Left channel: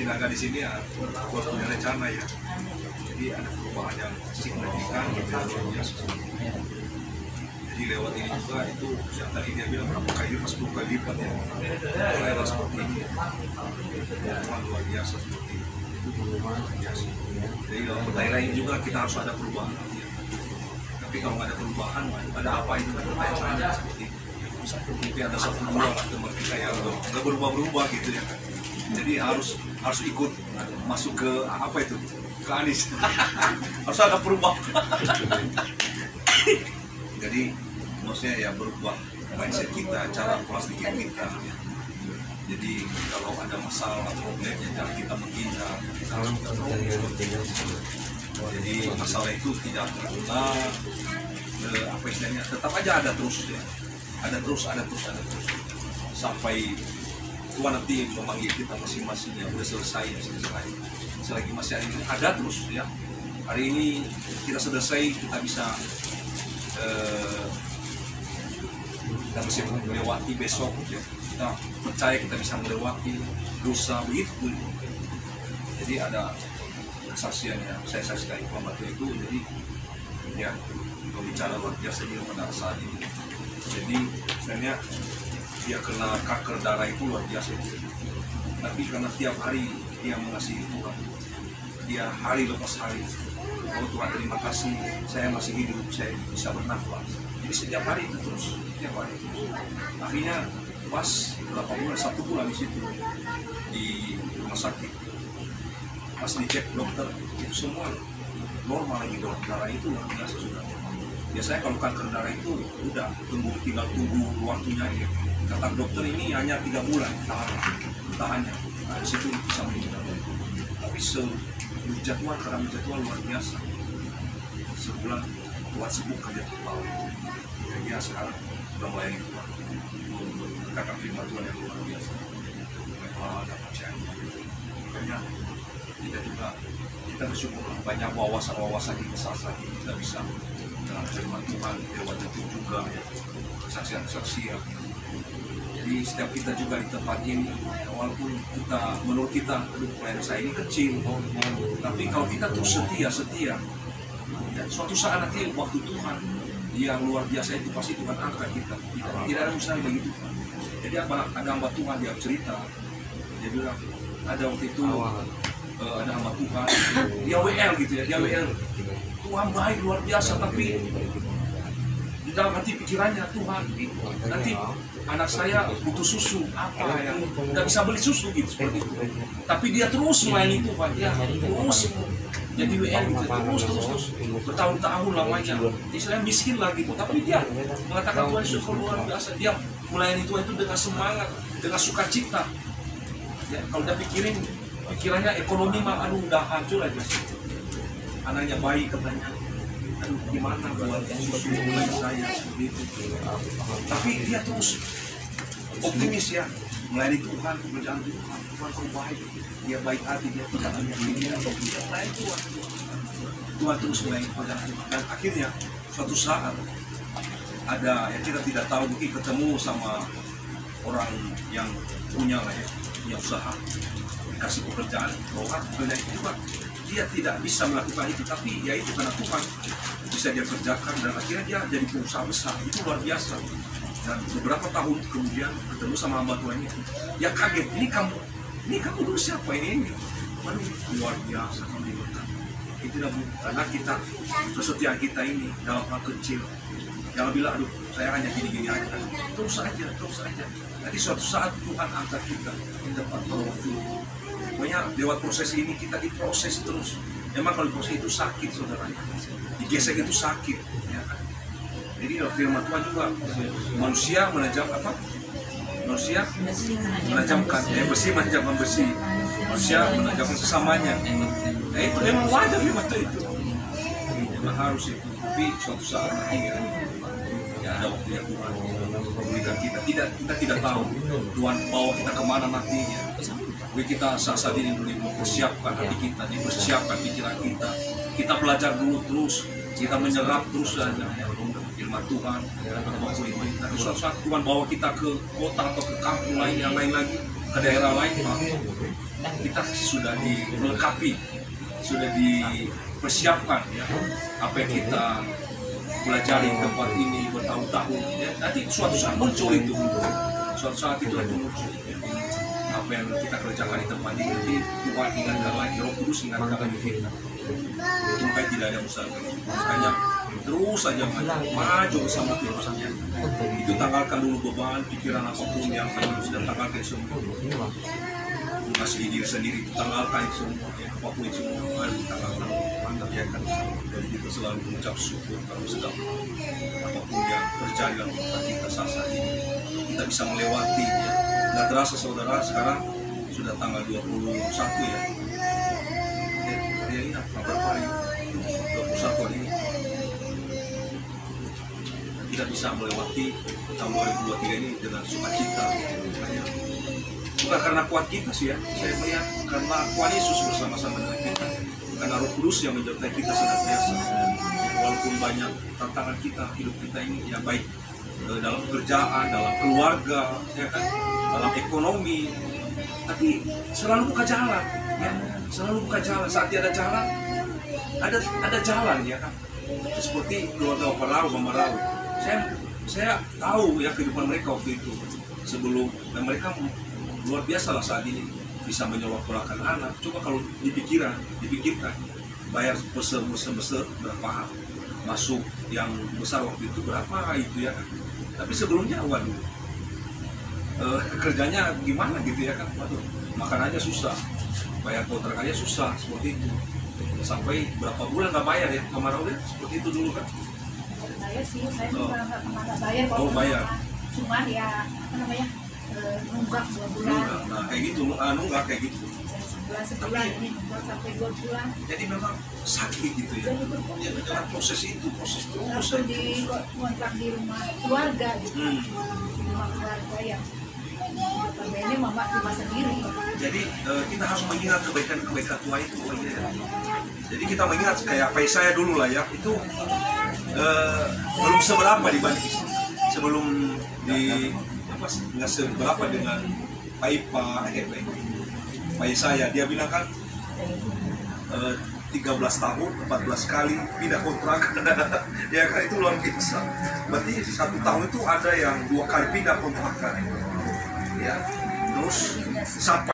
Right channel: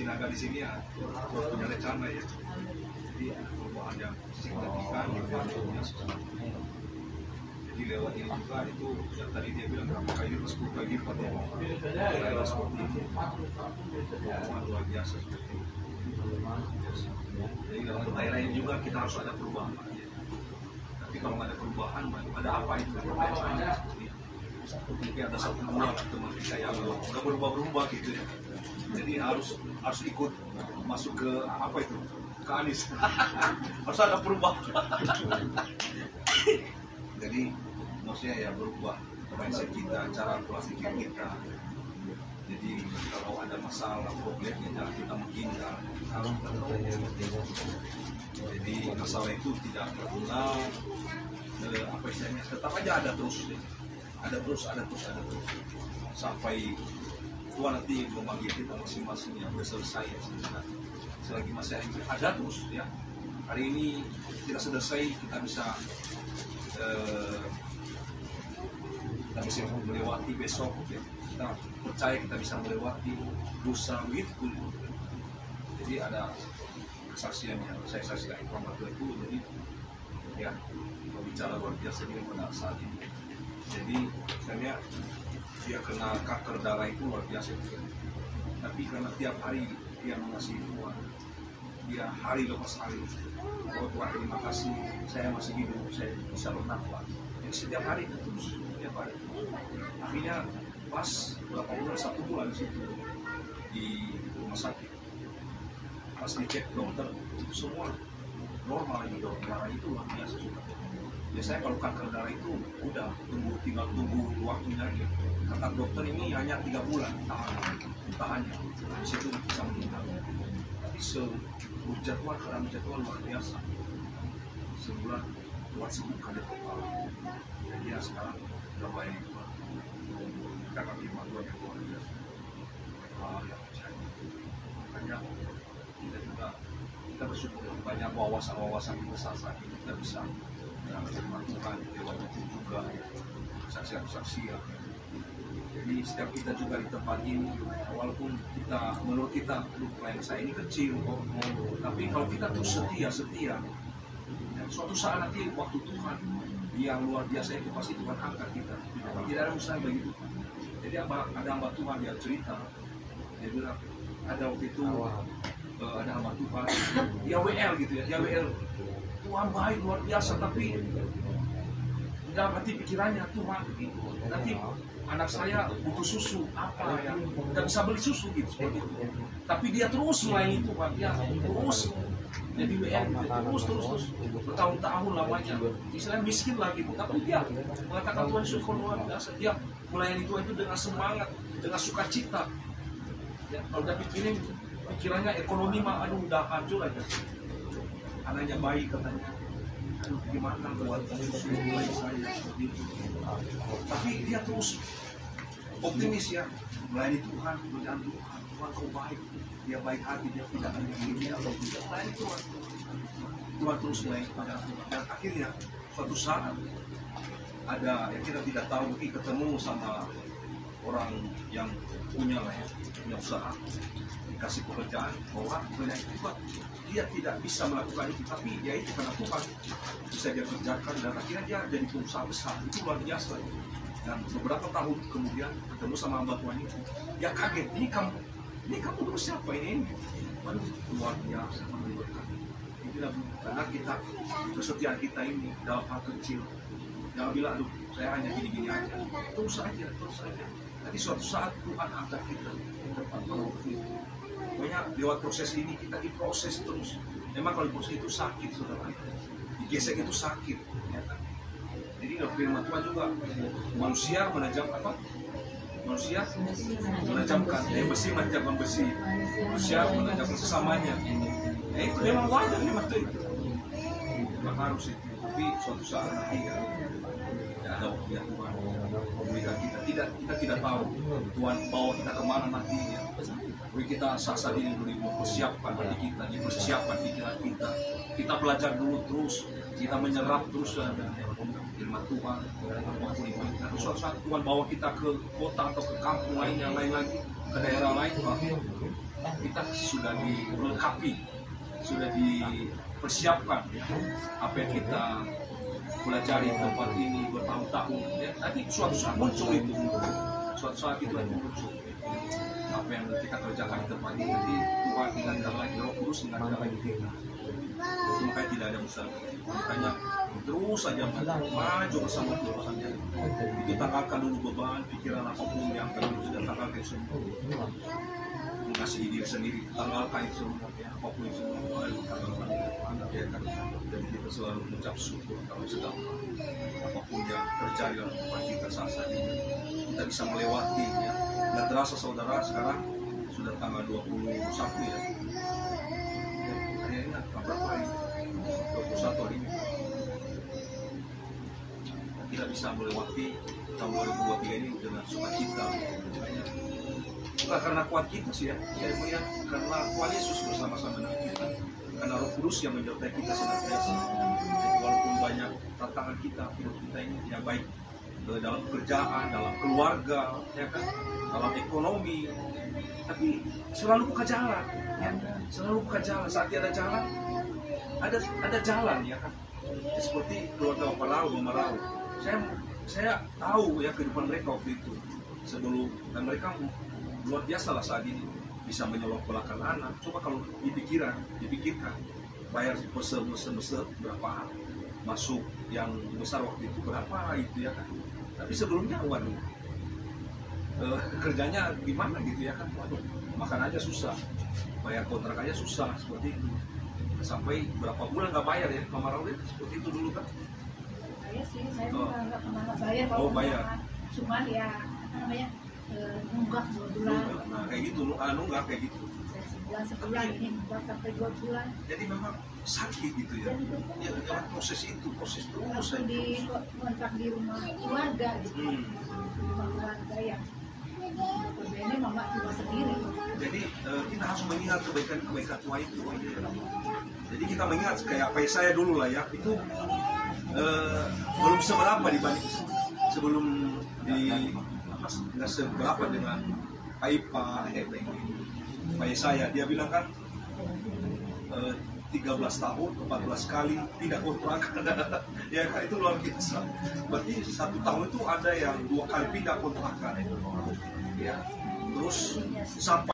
Sinaga di sini ya punya rencana ya. Jadi ada perubahan yang signifikan gitu ya, luar biasa. Jadi lewat ini juga itu yang tadi dia bilang berapa kali lipat, 10 kali lipat ya. Daerah seperti ini luar biasa seperti itu. Jadi dalam daerah ini juga kita harus ada perubahan. Tapi kalau nggak ada perubahan, ada apa itu pertanyaan seperti itu. Mungkin ada satu dua lah teman kita yang nggak berubah-berubah gitu ya. Jadi harus ikut masuk ke apa itu, ke Anies. Harus ada perubahan. Jadi maksudnya ya berubah mindset kita, cara pola pikir kita. Jadi kalau ada masalah problemnya jangan kita menghindar, kita harus jadi masalah itu tidak terulang, apa istilahnya, tetap aja ada terus ya, ada terus sampai Tuhan nanti memanggil kita masing-masing yang udah selesai. Selagi masih hari ini ada terus ya, hari ini kita selesai, kita bisa melewati besok ya. Kita percaya kita bisa melewati dosa begitu. Jadi ada kesaksian yang saya saksikan waktu itu, jadi ya pembicara luar biasa dia pada saat ini. Jadi sebenarnya dia kena kanker darah itu luar biasa itu. Tapi karena tiap hari dia mengasihi Tuhan, dia hari lepas hari, oh Tuhan terima kasih saya masih hidup, saya bisa bernafas. Jadi setiap hari itu terus, setiap hari terus. Akhirnya pas berapa bulan, 1 bulan di situ di rumah sakit, pas dicek dokter itu semua normal lagi, darah itu luar biasa sudah. Biasanya kalau kanker darah itu udah tinggal tunggu waktunya aja. Kata dokter ini hanya 3 bulan tahannya. Nah, di situ bisa meninggal. Tapi berjadwal karena berjadwal luar biasa. Sebulan Tuhan sembuh aja total. Dan dia sekarang sudah melayani Tuhan. Kakak firman Tuhan yang luar biasa. Ada percayanya. Makanya kita bersyukur banyak wawasan di kesalahan kita bisa firman Tuhan lewat itu juga ya, kesaksian-kesaksian. Jadi setiap kita juga di tempat ini, walaupun kita menurut kita pelayanan saya ini kecil, tapi kalau kita terus setia ya, suatu saat nanti waktu Tuhan yang luar biasa itu pasti Tuhan angkat kita. Tidak ada mustahil bagi Tuhan. Jadi ada hamba Tuhan dia cerita, dia bilang ada waktu itu ada hamba Tuhan, dia WL gitu ya, dia WL. Tuhan baik luar biasa, tapi di dalam hati pikirannya Tuhan nanti anak saya butuh susu apa ya, nggak bisa beli susu gitu seperti itu. Tapi dia terus melayani Tuhan, dia terus jadi WL gitu, terus bertahun-tahun lamanya. Istilahnya miskin lah gitu, tapi dia mengatakan Tuhan Yesus luar biasa. Dia melayani Tuhan itu dengan semangat, dengan sukacita. Ya, kalau dia pikirannya ekonomi mah aduh udah hancur aja. Anaknya bayi katanya, aduh gimana buat susu mulai saya seperti itu. Tapi dia terus optimis ya, melayani Tuhan, pekerjaan Tuhan kau baik, dia baik hati, dia tidak melayani Tuhan. Tuhan terus melayani pekerjaan Tuhan. Dan akhirnya suatu saat ada yang kita tidak tahu, mungkin ketemu sama orang yang punya usaha, dikasih pekerjaan, bahwa pekerjaan itu juga dia tidak bisa melakukan itu, tapi ya itu karena Tuhan bisa dia kerjakan, dan akhirnya dia jadi pengusaha besar. Itu luar biasa. Dan beberapa tahun kemudian ketemu sama hamba Tuhan itu, dia kaget, ini kamu dulu siapa ini? Waduh, luar biasa kamu diberkati. Itu karena kita kesetiaan kita ini dalam hal kecil. Jangan bilang, aduh saya hanya gini-gini aja. Terus aja. Nanti suatu saat Tuhan angkat kita di depan waktu. Makanya lewat proses ini kita diproses terus. Memang kalau proses itu sakit, saudara. Digesek itu sakit, ya kan? Jadi dalam firman Tuhan juga manusia menajam apa? Manusia menajamkan, besi menajamkan besi. Manusia menajamkan sesamanya. Nah itu memang wajar firman itu. Memang harus itu. Tapi suatu saat nanti ya ada waktu yang Tuhan memberikan kita. Kita tidak tahu Tuhan bawa kita kemana nantinya. Jadi kita saat ini dulu mempersiapkan hati kita, dipersiapkan pikiran kita. Kita belajar dulu terus, kita menyerap terus saja firman Tuhan. Nanti suatu saat Tuhan bawa kita ke kota atau ke kampung lain yang lain lagi, ke daerah lain, Pak, kita sudah dilengkapi, sudah dipersiapkan ya, apa yang kita pelajari tempat ini bertahun-tahun ya, nanti suatu saat muncul itu, suatu saat itu akan muncul ya. Apa yang kita kerjakan di tempat ini nanti Tuhan ingatkan lagi, Roh Kudus ingatkan lagi kita. Itu makanya tidak ada mustahil, makanya terus saja maju bersama Tuhan saja. Itu tanggalkan dulu beban pikiran apapun yang kamu sudah tanggalkan semua, kasih diri sendiri itu tanggalkan itu semua ya, apapun itu semua baru tanggalkan ya kan. Dan kita selalu mengucap syukur kalau sedang apapun yang terjadi dalam kehidupan kita saat ini kita bisa melewati ya. Nggak terasa saudara, sekarang sudah tanggal 21 ya, hari ini berapa hari? 21 hari ini kita bisa melewati tahun 2023 ini dengan sukacita. Bukan karena kuat kita sih ya, saya melihat karena kuat Yesus bersama-sama dengan kita, karena Roh Kudus yang menyertai kita senantiasa. Walaupun banyak tantangan kita, hidup kita ini ya, baik dalam pekerjaan, dalam keluarga, ya kan, dalam ekonomi, tapi selalu buka jalan, ya, selalu buka jalan. Saat ada jalan, ada jalan ya kan. Seperti keluarga Bapak Lau, Mama Lau. Saya tahu ya kehidupan mereka waktu itu sebelum, dan mereka luar biasa lah saat ini bisa menyolok-nyolokkan anak. Coba kalau dipikirkan bayar besar berapa masuk yang besar waktu itu berapa itu ya kan. Tapi sebelumnya waduh kerjanya gimana gitu ya kan, waduh makan aja susah, bayar kontrakannya susah seperti itu. Sampai berapa bulan nggak bayar ya, Mama Raul ya, seperti itu dulu kan. Bayar sih, saya nggak pernah bayar. Oh bayar. Cuman ya apa namanya, nunggak 2 bulan. Nah kayak gitu, nunggak kayak gitu. Sebulan ini nunggak sampai 2 bulan. Jadi memang sakit gitu ya. Ya dengan proses itu, proses terus. Waktu di kontrak di rumah keluarga gitu. Rumah keluarga yang ini mama cuma sendiri. Jadi kita harus mengingat kebaikan-kebaikan Tuhan itu. Oh, iya. Jadi kita mengingat kayak Yesaya dulu lah ya, itu belum seberapa dibanding sebelum di apa, nggak seberapa dengan Pak Yesaya. Dia bilang kan 13 tahun 14 kali pindah kontrak. Ya kan, itu luar biasa. Berarti 1 tahun itu ada yang 2 kali pindah kontrak kan ya. Terus sampai